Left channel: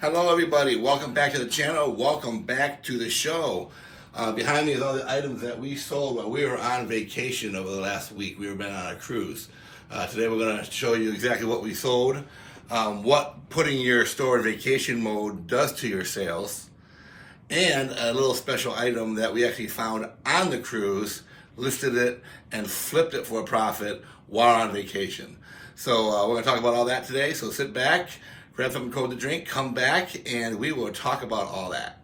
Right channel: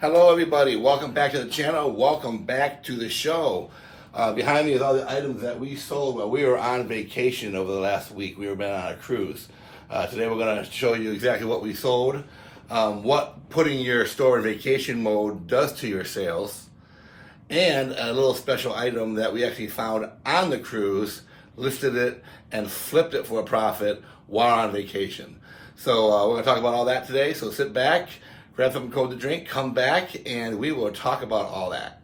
Hello everybody, welcome back to the channel, welcome back to the show. Behind me is all the items that we sold while we were on vacation over the last week. We were been on a cruise. Today we're going to show you exactly what we sold, what putting your store in vacation mode does to your sales, and a little special item that we actually found on the cruise, listed it, and flipped it for a profit while on vacation. So we're going to talk about all that today, so sit back, grab something cold to drink, come back, and we will talk about all that.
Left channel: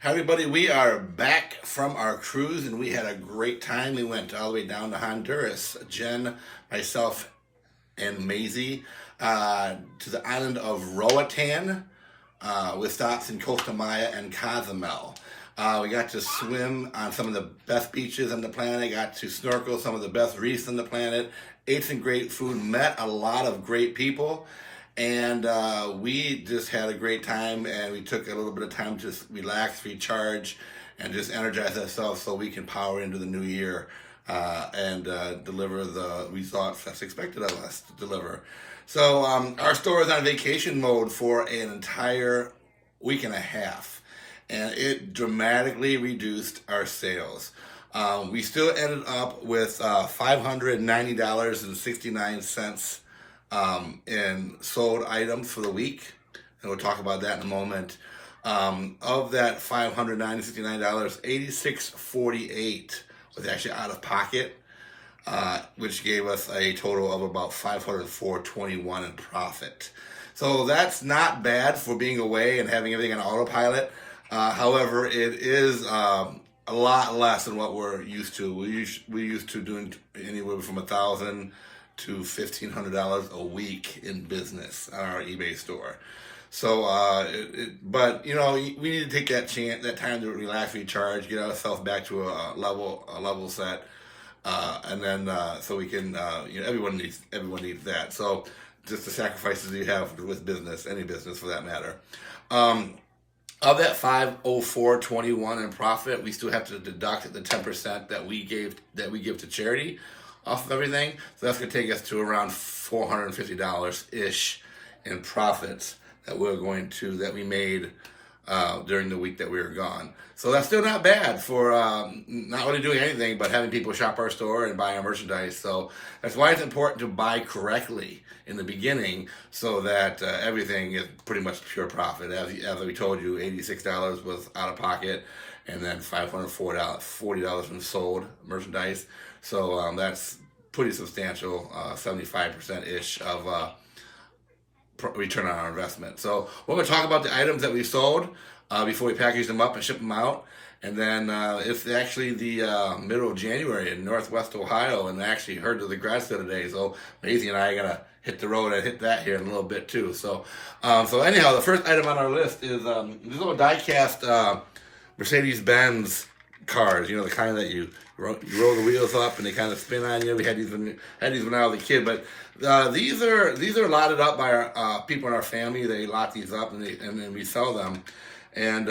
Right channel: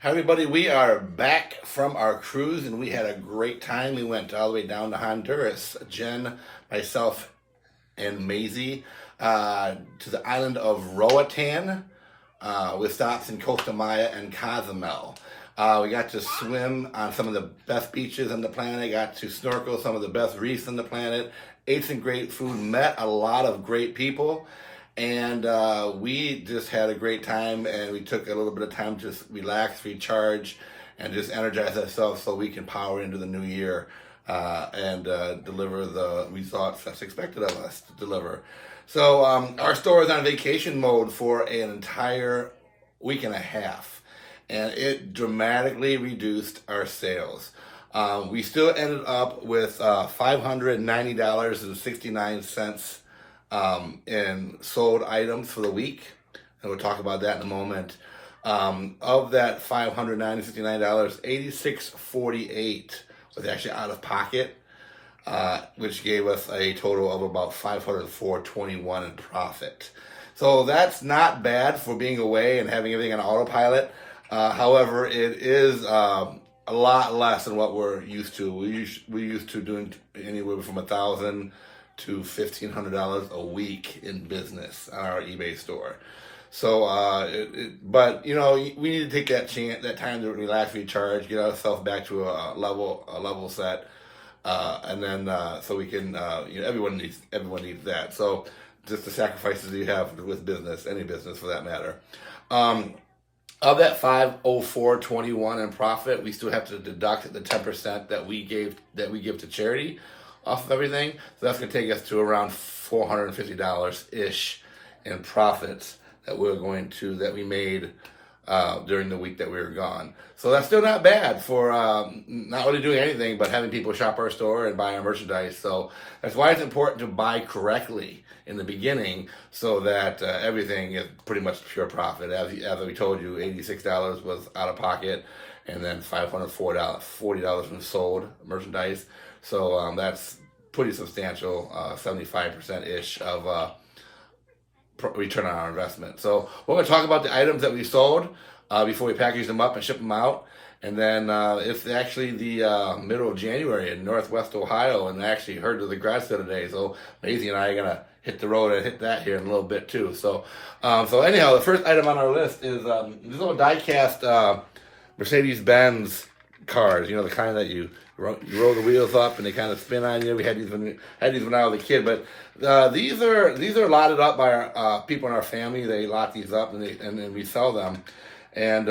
Hi everybody, we are back from our cruise and we had a great time. We went all the way down to Honduras. Jen, myself, and Maisie to the island of Roatan with stops in Costa Maya and Cozumel. We got to swim on some of the best beaches on the planet, got to snorkel some of the best reefs on the planet, ate some great food, met a lot of great people. And we just had a great time, and we took a little bit of time to just relax, recharge, and just energize ourselves so we can power into the new year and deliver the results that's expected of us to deliver. So our store is on vacation mode for an entire week and a half, and it dramatically reduced our sales. We still ended up with $590.69 in sold items for the week, and we'll talk about that in a moment. Of that $569, $86.48 was actually out of pocket, which gave us a total of about $504.21 in profit. So that's not bad for being away and having everything on autopilot. However, it is a lot less than what we're used to. We're used to doing anywhere from $1,000 to $1,500 a week in business on our eBay store. So, but you know, we need to take that time to relax, recharge, get ourselves back to a level set, and then so we can, you know, everyone needs that. So, just the sacrifices you have with business, any business for that matter. Of that $504.21 in profit, we still have to deduct the 10% that we give to charity off of everything. So that's going to take us to around $450-ish in profits that we made during the week that we were gone. So that's still not bad for not only doing anything, but having people shop our store and buy our merchandise. So that's why it's important to buy correctly in the beginning so that everything is pretty much pure profit. As we told you, $86 was out of pocket, and then $540 from sold merchandise. So that's pretty substantial, 75%-ish of return on our investment. So we're going to talk about the items that we sold before we package them up and ship them out. And then it's actually the middle of January in Northwest Ohio, and I actually heard of the grad sale today. So Maisie and I are going to hit the road and hit that here in a little bit too. So anyhow, the first item on our list is these little die-cast Mercedes-Benz cars, you know, the kind that you roll the wheels up and they kind of spin on you. We had these when I was a kid, but these are lotted up by our people in our family. They lot these up and then we sell them, and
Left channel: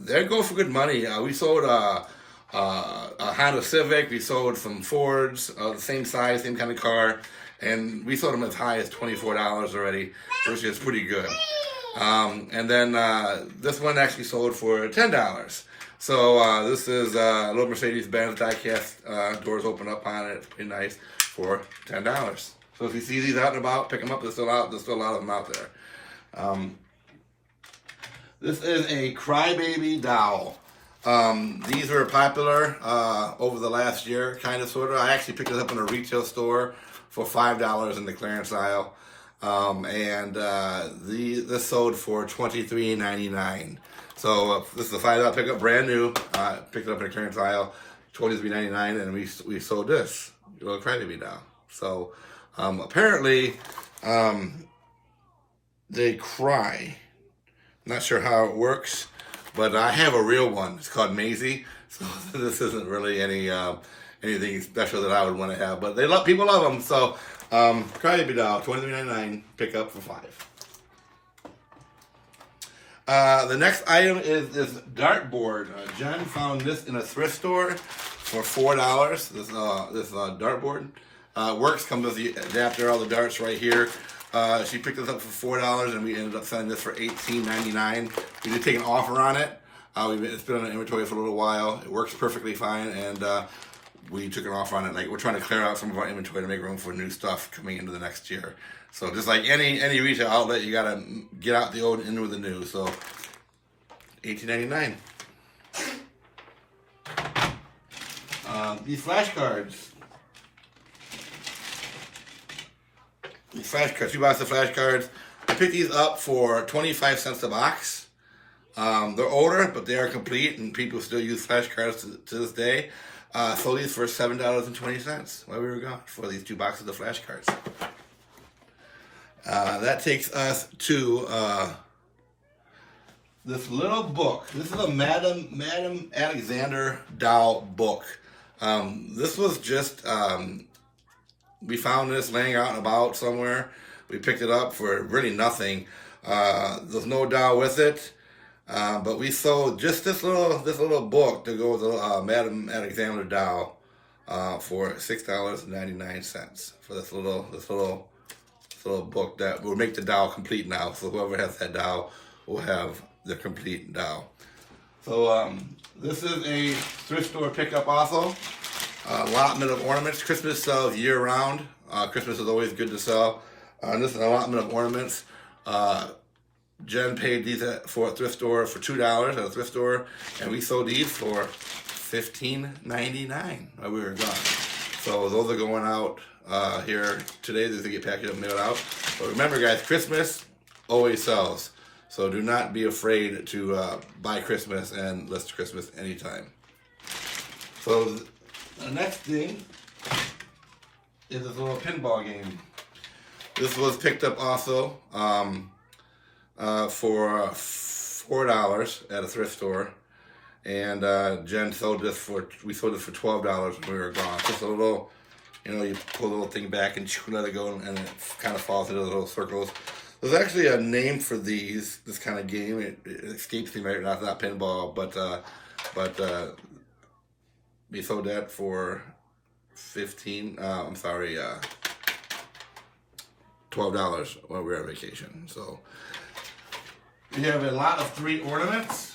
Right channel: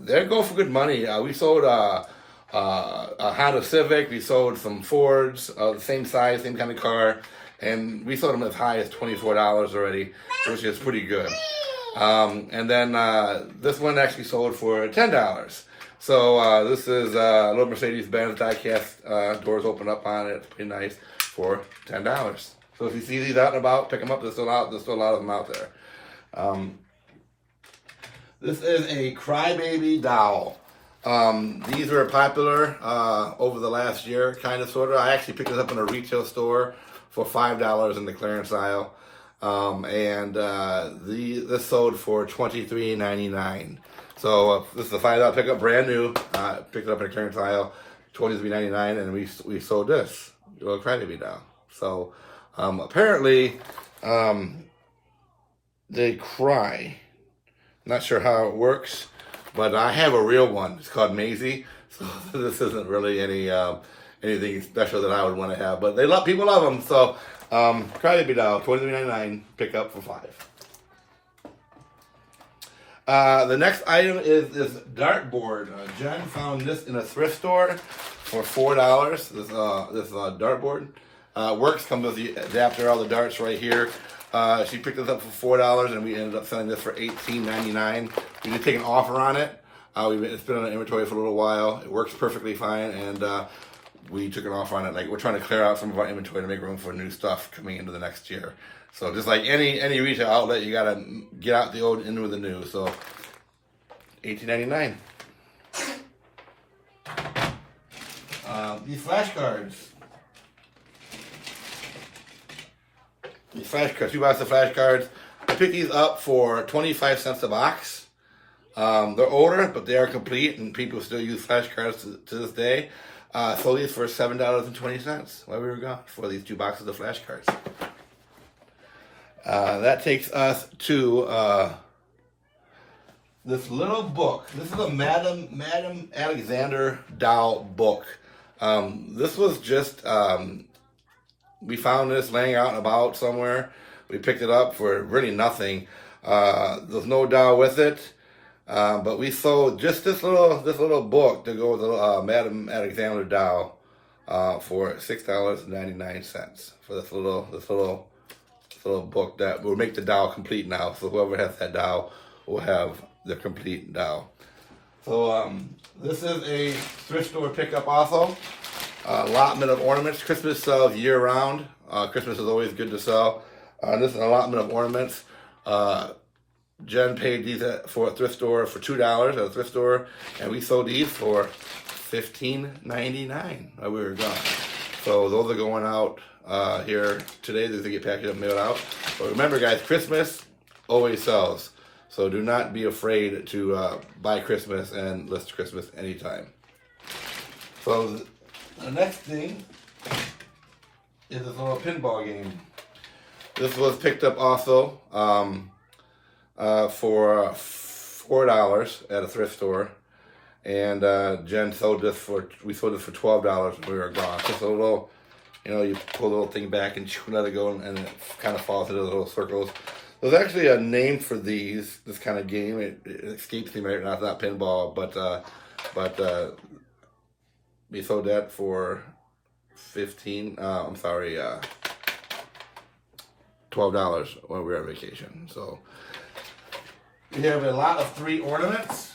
they go for good money. We sold a Honda Civic. We sold some Fords, the same size, same kind of car, and we sold them as high as $24 already, which is pretty good. And then this one actually sold for $10. So this is a little Mercedes-Benz die-cast, doors open up on it. It's pretty nice for $10. So if you see these out and about, pick them up. There's still a lot of them out there. This is a crybaby doll. These were popular over the last year, kind of, sort of. I actually picked this up in a retail store for $5 in the clearance aisle. This sold for $23.99. So this is a $5 pickup, brand new. Picked it up in a clearance aisle, $23.99, and we sold this little crybaby doll. So apparently they cry. Not sure how it works, but I have a real one. It's called Maizie. So this isn't really anything special that I would want to have, but people love them. So Try to be now $23.99. Pick up for $5. The next item is this dartboard. Jen found this in a thrift store for $4. This dartboard works. Comes with the adapter, all the darts right here. She picked this up for $4, and we ended up selling this for $18.99. We did take an offer on it. It's been on inventory for a little while. It works perfectly fine, and we took an offer on it. Like, we're trying to clear out some of our inventory to make room for new stuff coming into the next year. So just like any retail outlet, you gotta get out the old and in with the new. So $18.99. These flashcards. Two boxes of flashcards. I picked these up for 25 cents a box. They're older, but they are complete, and people still use flashcards to this day. Sold these for $7.20 while we were gone for these 2 boxes of flashcards. That takes us to this little book. This is a Madam Alexander Dow book. This was just, we found this laying out and about somewhere. We picked it up for really nothing. There's no Dow with it. But we sold just this little book to go with Madam Alexander Dow for $6.99 for this little book that will make the Dow complete now. So whoever has that Dow will have the complete Dow. So this is a thrift store pickup also. Allotment of ornaments. Christmas sells year round. Christmas is always good to sell. This is an allotment of ornaments. Jen paid these for a thrift store for $2 at a thrift store, and we sold these for $15.99 while we were gone. So those are going out here today. These get packaged up and mailed out. But remember, guys, Christmas always sells. So do not be afraid to buy Christmas and list Christmas anytime. So the next thing is this little pinball game. This was picked up also for $4 at a thrift store, and Jen sold this for $12 when we were gone. Just a little, you pull the little thing back and let it go, and it kind of falls into the little circles. There's actually a name for this kind of game. It escapes me right now. It's not pinball, but we sold that for $12 when we were on vacation. So we have a lot of 3 ornaments.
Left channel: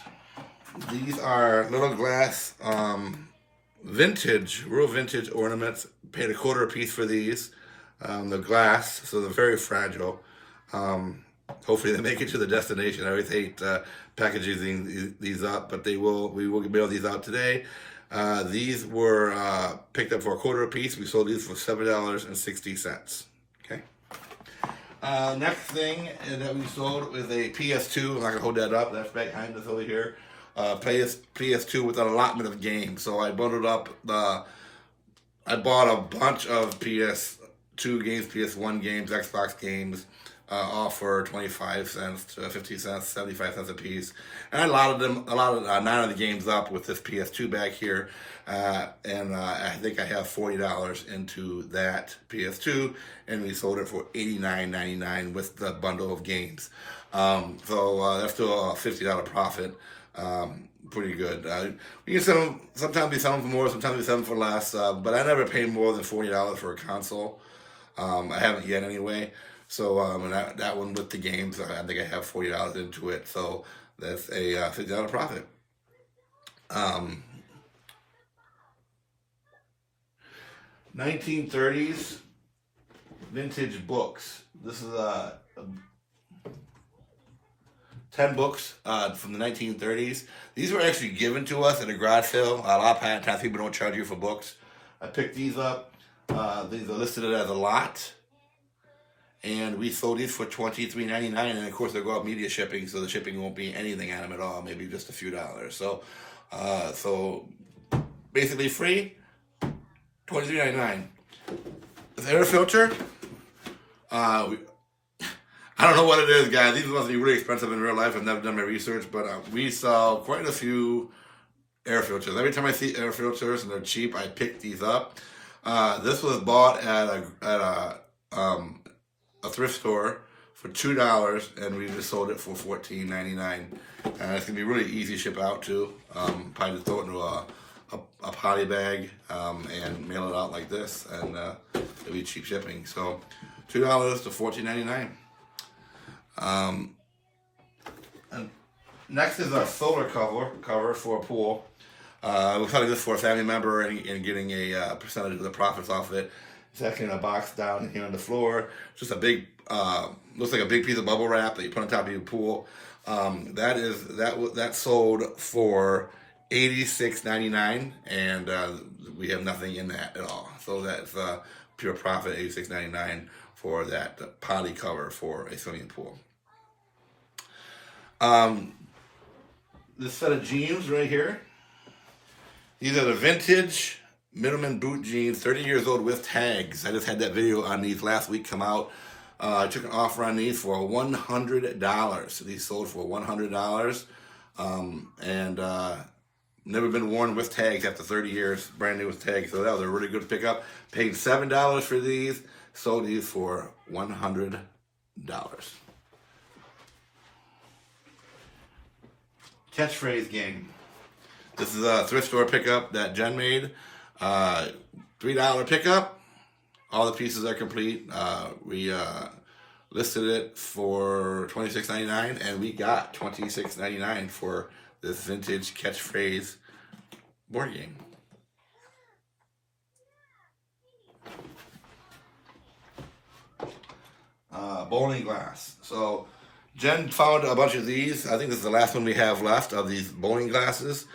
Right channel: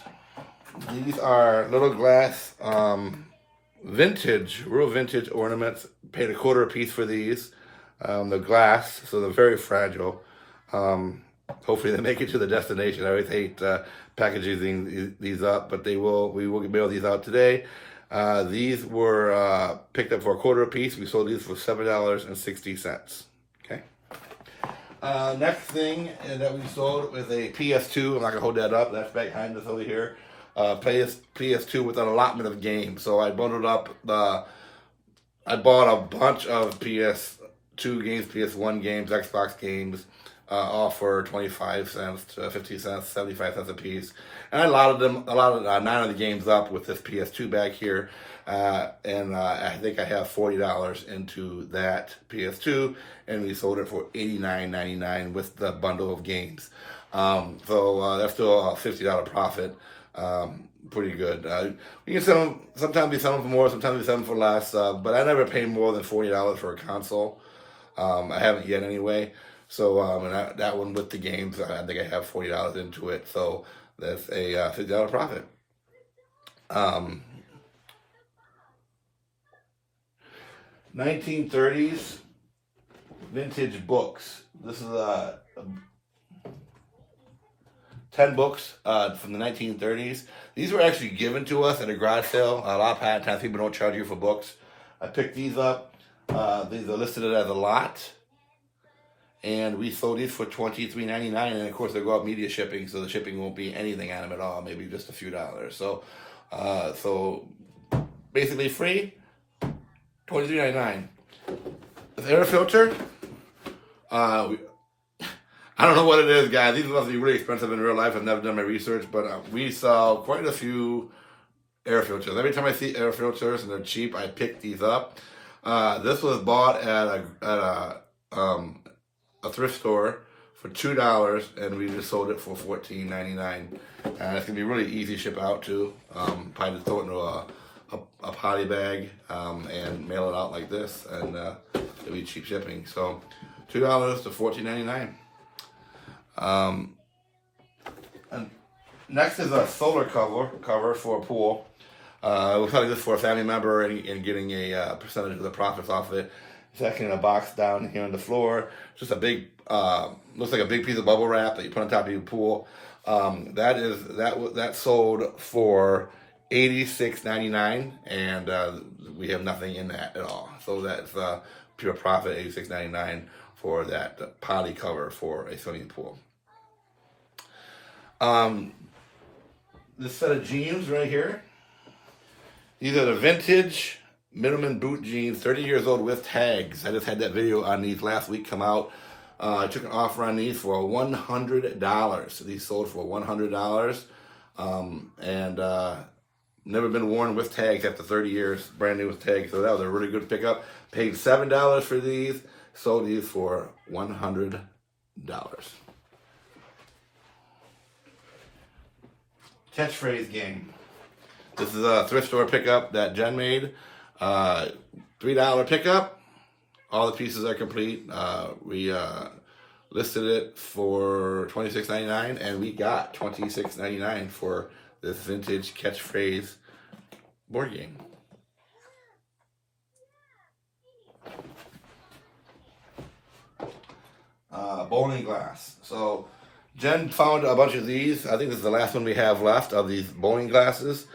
These are little glass, real vintage ornaments. Paid $0.25 a piece for these. The glass, so they're very fragile. Hopefully they make it to the destination. I always hate packaging these up, but we will mail these out today. These were picked up for $0.25 a piece. We sold these for $7.60. Okay. Next thing that we sold was a PS2. I'm not gonna hold that up. That's back behind us over here. PS2 with an allotment of games. So I bundled up I bought a bunch of PS2 games, PS1 games, Xbox games, all for 25 cents to 50 cents, 75 cents a piece. And I allotted 9 of the games up with this PS2 back here. And I think I have $40 into that PS2, and we sold it for $89.99 with the bundle of games. So that's still a $50 profit. Pretty good. We can sell them. Sometimes we sell them for more. Sometimes we sell them for less. But I never pay more than $40 for a console. I haven't yet anyway. So and that one with the games, I think I have $40 into it. So that's a $50 profit. 1930s vintage books. This is 10 books from the 1930s. These were actually given to us at a garage sale. A lot of times people don't charge you for books. I picked these up. These are listed as a lot. And we sold these for $23.99. And of course, they go out media shipping, so the shipping won't be anything on them at all, maybe just a few dollars. So basically free, $23.99. The air filter, I don't know what it is, guys. These must be really expensive in real life. I've never done my research, but we sell quite a few air filters. Every time I see air filters and they're cheap, I pick these up. This was bought at a a thrift store for $2, and we just sold it for $14.99. And it's gonna be really easy to ship out too. Probably just throw it into a poly bag and mail it out like this, and it'll be cheap shipping. So $2 to $14.99. And next is a solar cover for a pool. We're selling this for a family member and getting a percentage of the profits off of it. It's actually in a box down here on the floor. It's just a big, looks like a big piece of bubble wrap that you put on top of your pool. That sold for $86.99, and we have nothing in that at all. So that's pure profit, $86.99 for that poly cover for a swimming pool. This set of jeans right here. These are the vintage Middleman boot jeans, 30 years old with tags. I just had that video on these last week come out. I took an offer on these for $100. These sold for $100. Never been worn with tags after 30 years, brand new with tags. So that was a really good pickup. Paid $7 for these, sold these for $100. Catchphrase game. This is a thrift store pickup that Jen made. $3 pickup. All the pieces are complete. We listed it for $26.99, and we got $26.99 for this vintage catchphrase board game. Bowling glass. So Jen found a bunch of these. I think this is the last one we have left of these bowling glasses.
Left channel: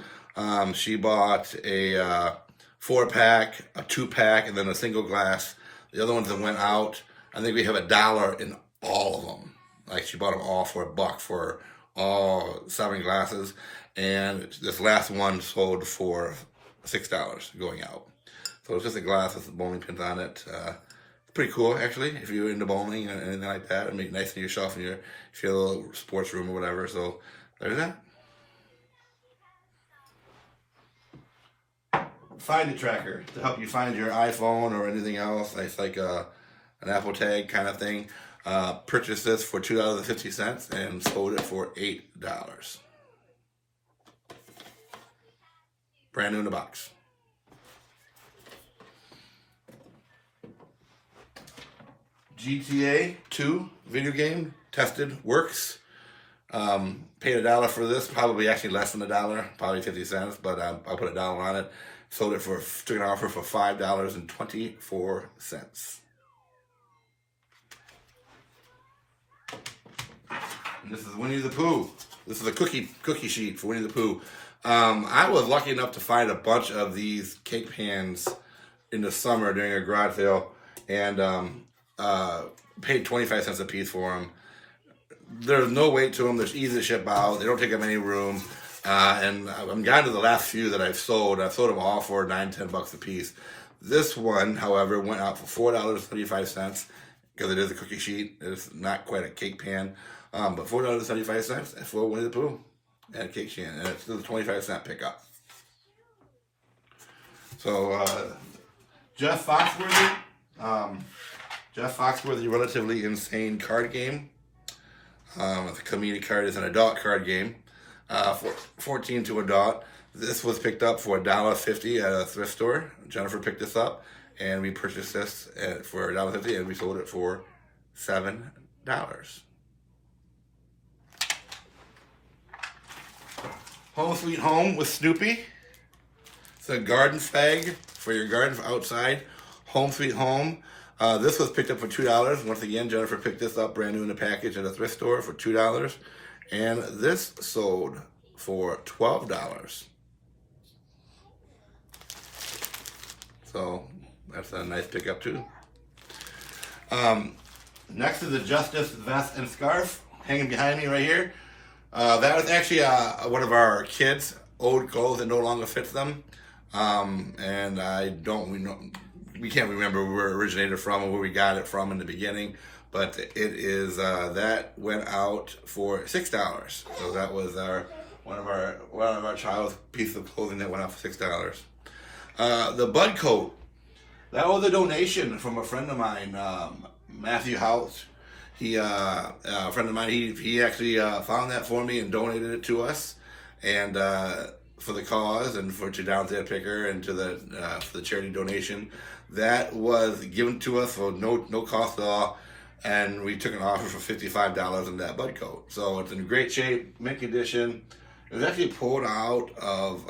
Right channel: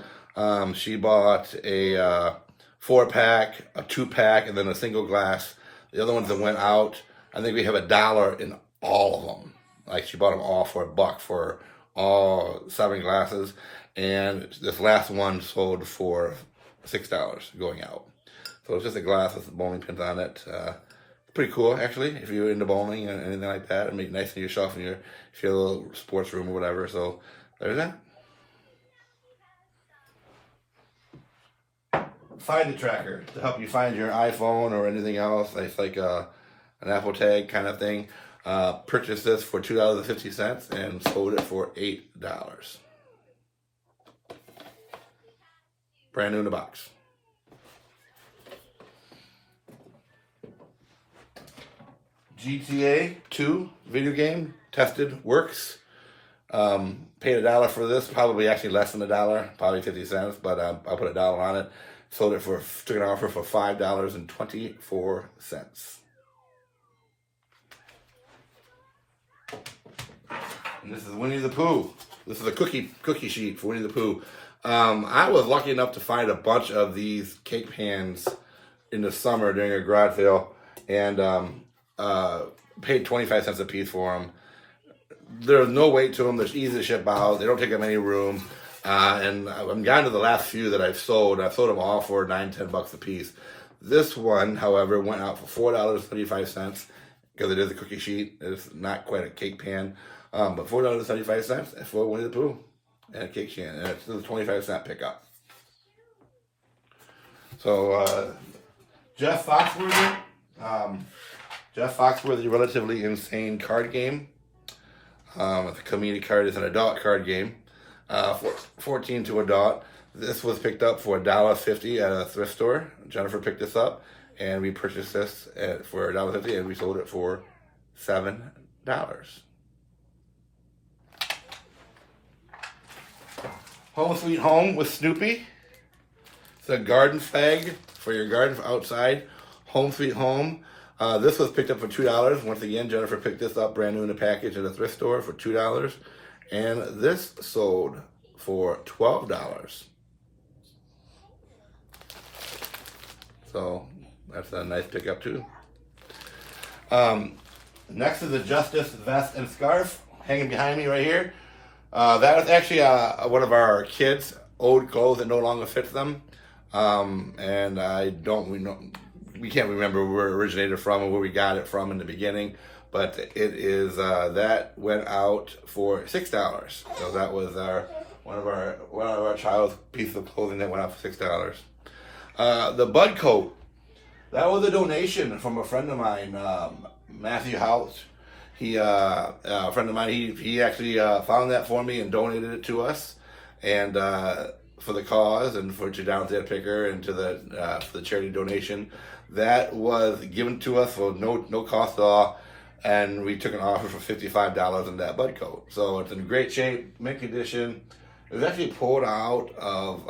She bought a 4-pack, a 2-pack, and then a single glass. The other ones that went out, I think we have $1 in all of them. Like, she bought them all for $1 for all 7 glasses. And this last one sold for $6 going out. So it's just a glass with bowling pins on it. It's pretty cool, actually, if you're into bowling and anything like that. It'll make it nice on yourself in your little sports room or whatever. So there's that. Find a tracker to help you find your iPhone or anything else. It's like an Apple Tag kind of thing. Purchased this for $2.50 and sold it for $8. Brand new in the box. GTA 2 video game, tested, works. Paid $1 for this, probably actually less than $1, probably 50 cents, but I'll put $1 on it. Sold it took an offer for $5.24. And this is Winnie the Pooh. This is a cookie sheet for Winnie the Pooh. I was lucky enough to find a bunch of these cake pans in the summer during a garage sale, and paid 25 cents a piece for them. There's no weight to them. They're easy to ship out. They don't take up any room. And I'm gotten to the last few that I've sold. I've sold them all for $9-10 a piece. This one, however, went out for $4.75 because it is a cookie sheet. It's not quite a cake pan, but $4.75 for Winnie the Pooh and a cake pan, and it's still a 25-cent pickup. So Jeff Foxworthy, Relatively Insane card game. It's a community card. It's an adult card game. 14 to adult. This was picked up for $1.50 at a thrift store. Jennifer picked this up, and we purchased this for $1.50, and we sold it for $7. Home Sweet Home with Snoopy. It's a garden flag for your garden outside. Home Sweet Home. This was picked up for $2. Once again, Jennifer picked this up brand new in the package at a thrift store for $2. And this sold for $12. So that's a nice pickup too. Next is a Justice vest and scarf hanging behind me right here. That is actually one of our kids' old clothes that no longer fits them. And we can't remember where it originated from or where we got it from in the beginning. But it is that went out for $6. So that was one of our child's piece of clothing that went out for $6. The Bud coat, that was a donation from a friend of mine, Matthew House. He, a friend of mine, he actually found that for me and donated it to us, and for the cause and for to Down Dead Picker and to the for the charity donation. That was given to us for no cost at all, and we took an offer for $55 in that bud coat. So it's in great shape, mint condition. It was actually pulled out of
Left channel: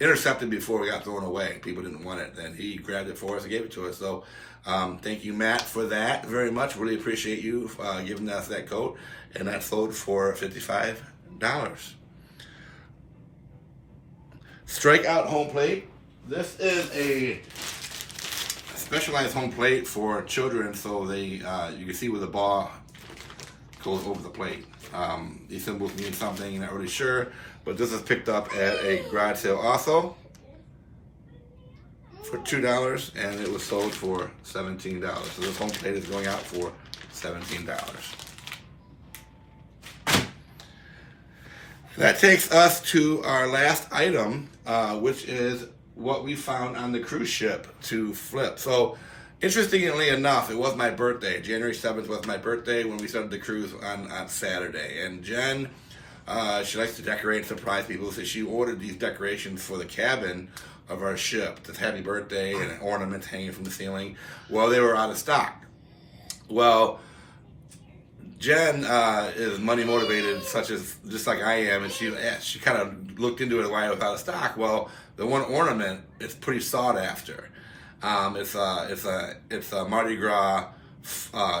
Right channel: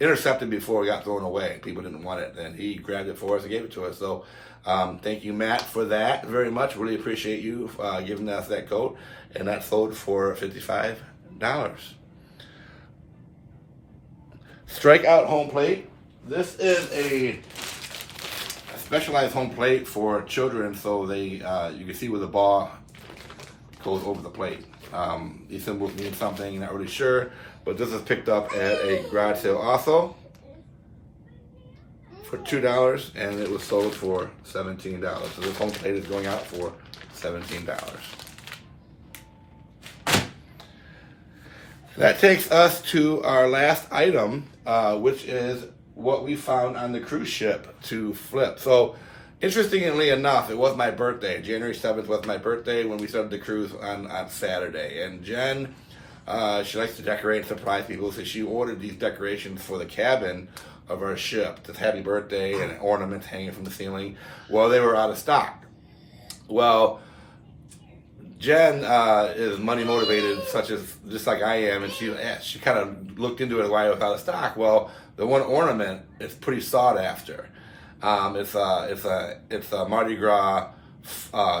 intercepted before it got thrown away. People didn't want it, and he grabbed it for us and gave it to us. So thank you, Matt, for that very much. Really appreciate you giving us that coat, and that sold for $55. Strikeout home plate. This is a specialized home plate for children, so they you can see where the ball goes over the plate. These symbols mean something, you're not really sure, but this is picked up at a garage sale also for $2, and it was sold for $17. So this home plate is going out for $17. That takes us to our last item, which is what we found on the cruise ship to flip. So, interestingly enough, it was my birthday. January 7th was my birthday when we started the cruise on Saturday. And Jen, she likes to decorate and surprise people, so she ordered these decorations for the cabin of our ship. This happy birthday and ornaments hanging from the ceiling. Well, they were out of stock. Well, Jen is money motivated, such as just like I am, and she kind of looked into it why it was out of stock. Well, the one ornament is pretty sought after. It's a Mardi Gras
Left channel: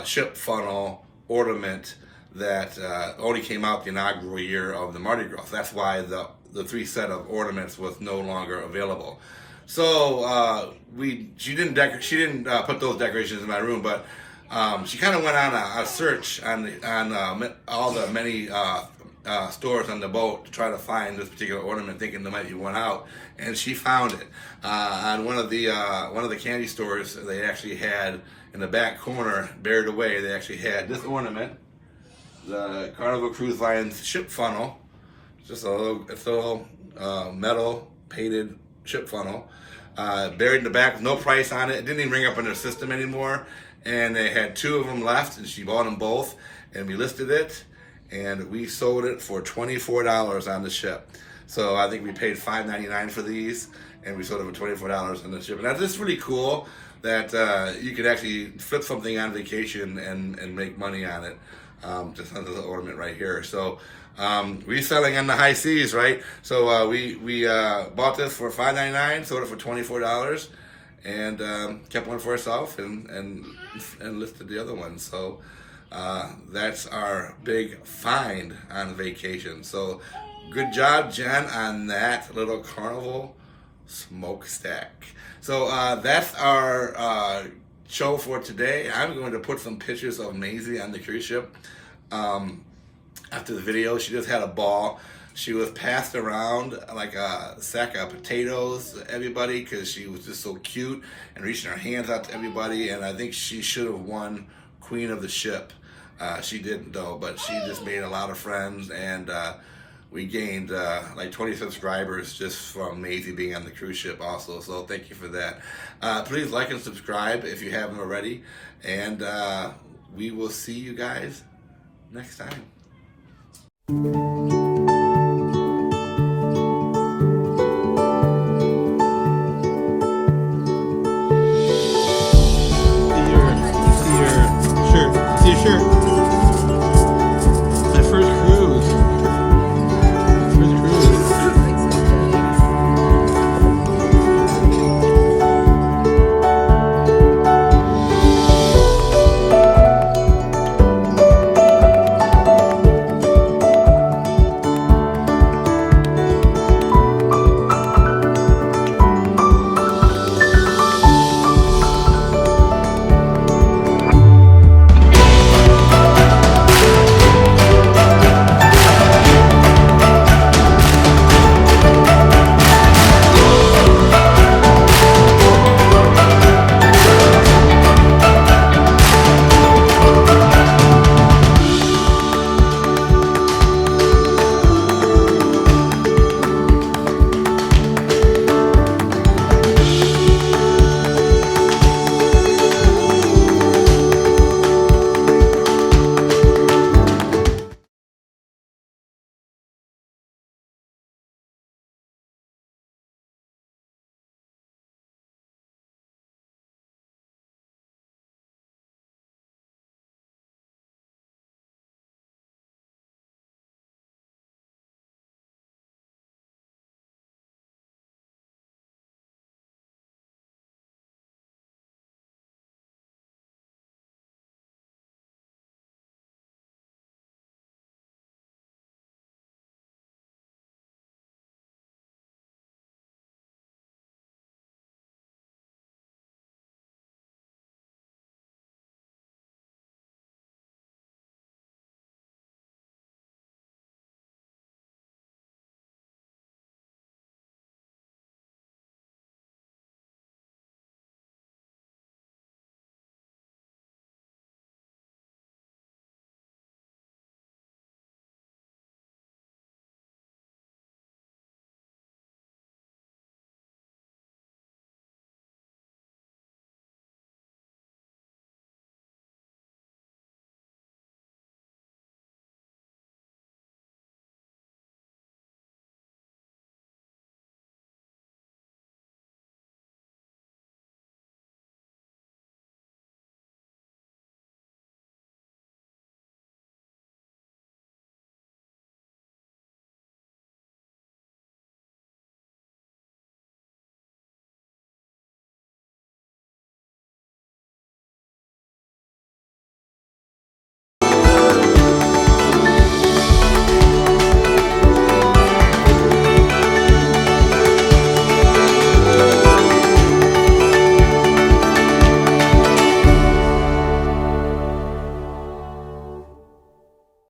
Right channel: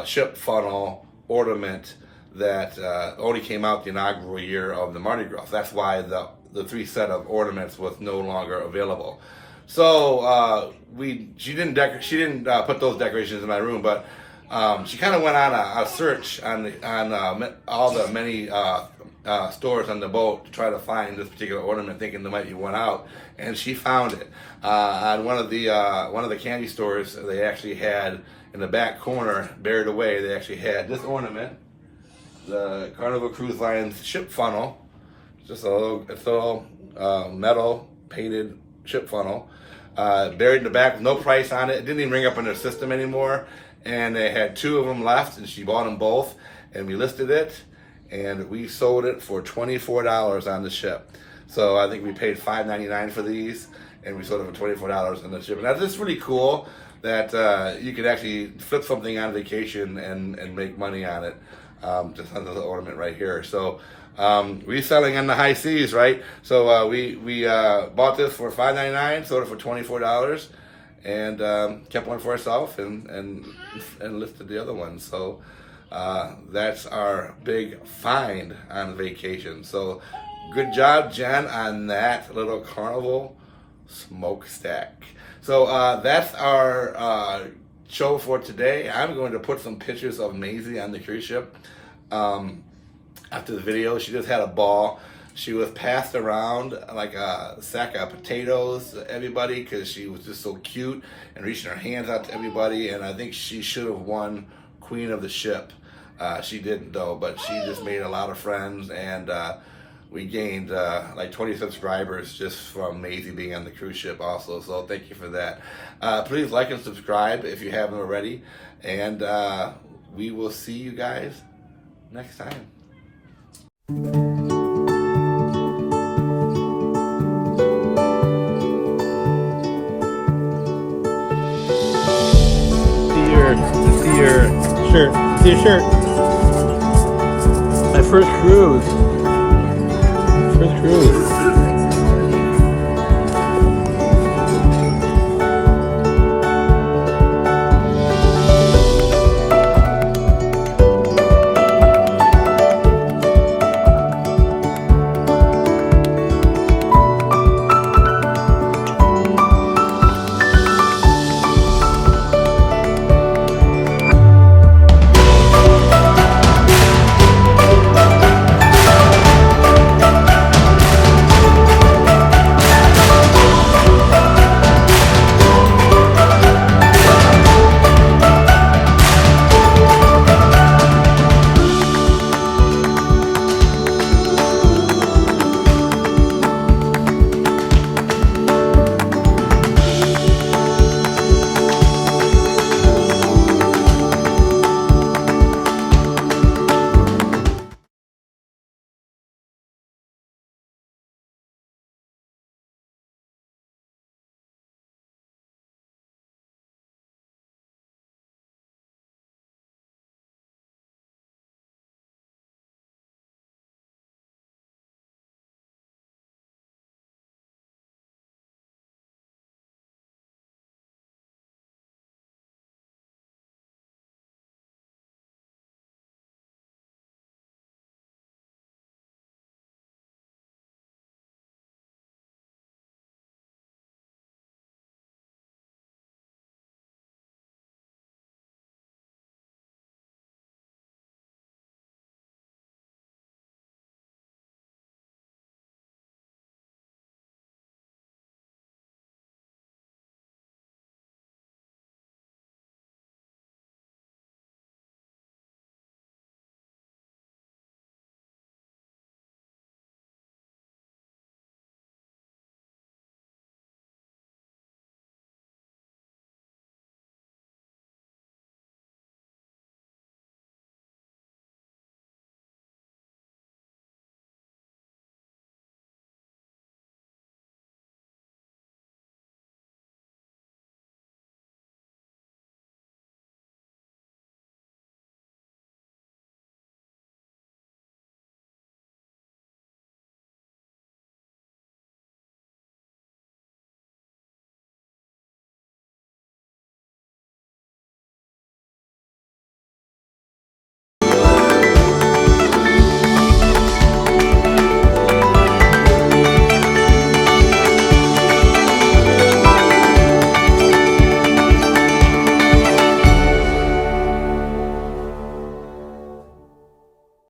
ship funnel ornament that only came out the inaugural year of the Mardi Gras. That's why the 3 set of ornaments was no longer available. So she didn't put those decorations in my room, but she kind of went on a search on all the many stores on the boat to try to find this particular ornament, thinking there might be one out, and she found it on one of the candy stores. They actually had in the back corner, buried away, they actually had this ornament, the Carnival Cruise Line's ship funnel. It's a little metal painted ship funnel, buried in the back with no price on it. It didn't even ring up in their system anymore. And they had 2 of them left, and she bought them both, and we listed it, and we sold it for $24 on the ship. So I think we paid $5.99 for these, and we sold it for $24 on the ship. And that's just really cool that you could actually flip something on vacation and make money on it, just on the ornament right here. So reselling on the high seas, right? So we bought this for $5.99, sold it for $24. And kept one for herself and listed the other one. So that's our big find on vacation. So good job, Jen, on that little Carnival smokestack. So that's our show for today. I'm going to put some pictures of Maisie on the cruise ship after the video. She just had a ball. She was passed around like a sack of potatoes to everybody because she was just so cute and reaching her hands out to everybody. And I think she should have won Queen of the Ship. She didn't though, but she just made a lot of friends, and we gained like 20 subscribers just from Maisie being on the cruise ship also. So thank you for that. Please like and subscribe if you haven't already. And we will see you guys next time. See your shirt. My first cruise.